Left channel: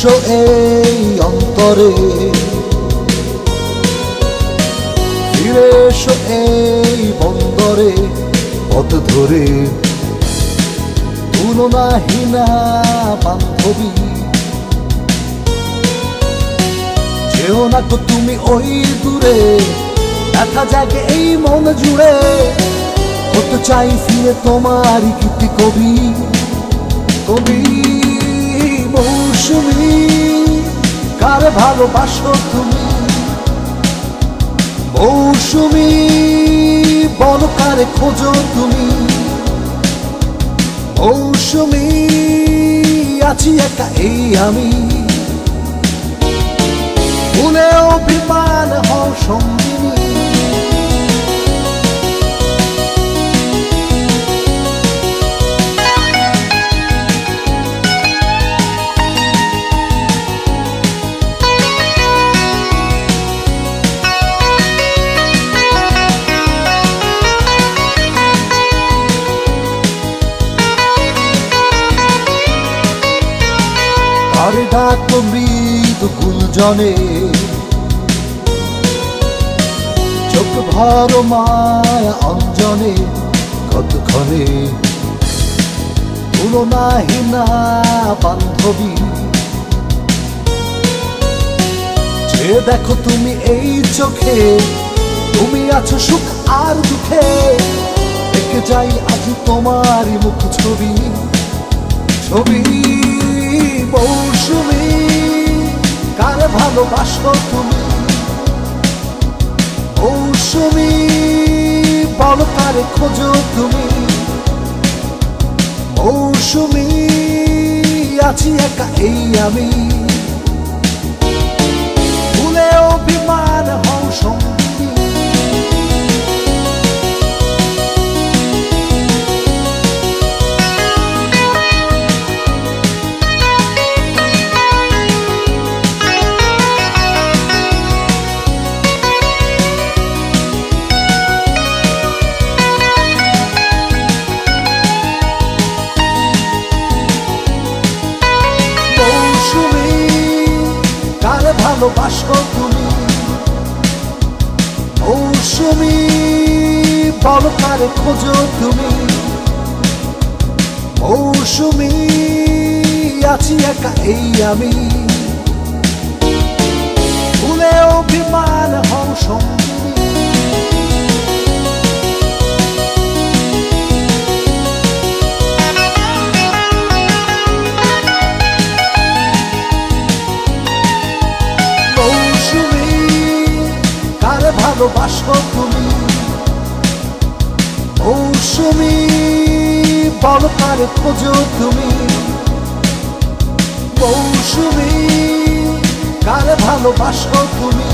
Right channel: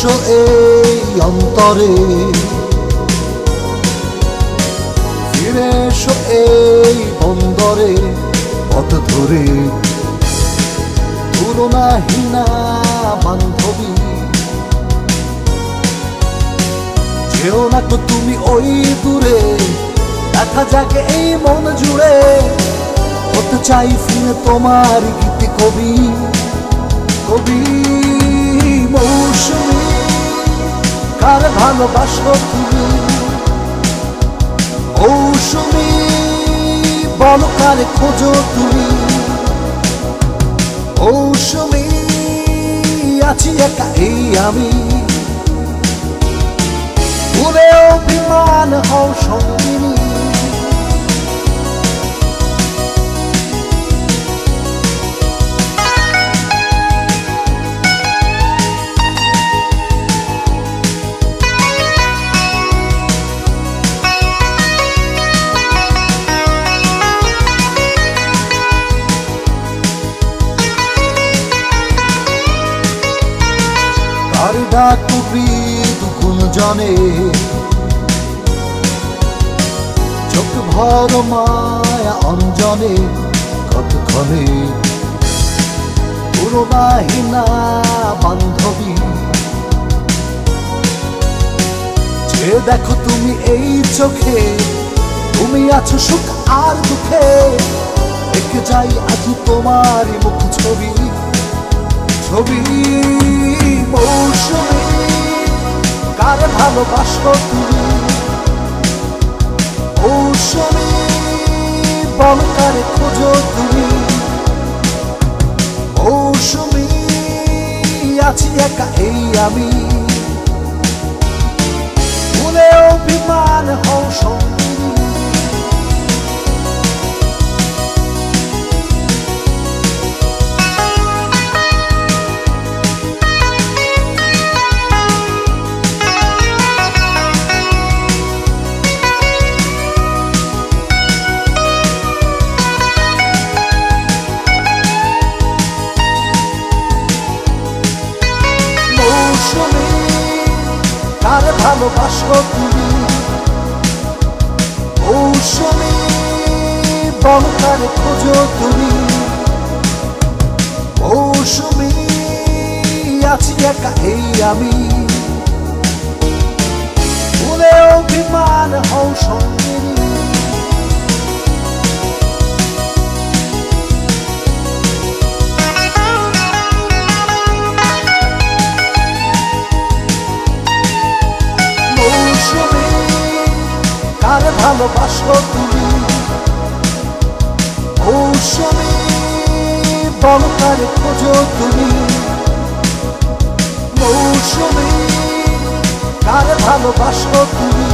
এসো এই অন্তরে, ফিরে এসো এই বন্দরে, পথ ধরে তুলনাহীনা বান্ধবী। যেও না তো তুমি ওই দূরে, দেখা জাগে এই মন জুড়ে, হতে চাই ফিরে তোমারই গীতি কবি। কবি মৌসুমী, কার ভালোবাসো তুমি? মৌসুমী, বল কারে খোঁজো তুমি? মৌসুমী, আছি একা এই আমি, ভুলেও বিমান হও সঙ্গী। মৃদু গুঞ্জনে চোখ ভালো মায়া অঞ্জনে, কতক্ষণে তুলনাহীনা বান্ধবী। যে দেখো তুমি এই চোখে, তুমি আছো সুখ আর দুঃখে, এঁকে যাই আজ তোমারই মুখ ছবি। ছবি মৌসুমী, কারে ভালোবাসো তুমি? মৌসুমী, বল কারে খোঁজো তুমি? মৌসুমী, আছি একা এই আমি, ভুলেও বিমান হও সঙ্গী। কারে ভালোবাসো তুমি? মৌসুমী, বল কারে খোঁজো তুমি? মৌসুমী, আছি একা এই আমি, ভুলেও বিমান হও সঙ্গী। কারে ভালোবাসো তুমি? মৌসুমী, বল কারে খোঁজো তুমি? মৌসুমী, কারে ভালোবাসো তুমি?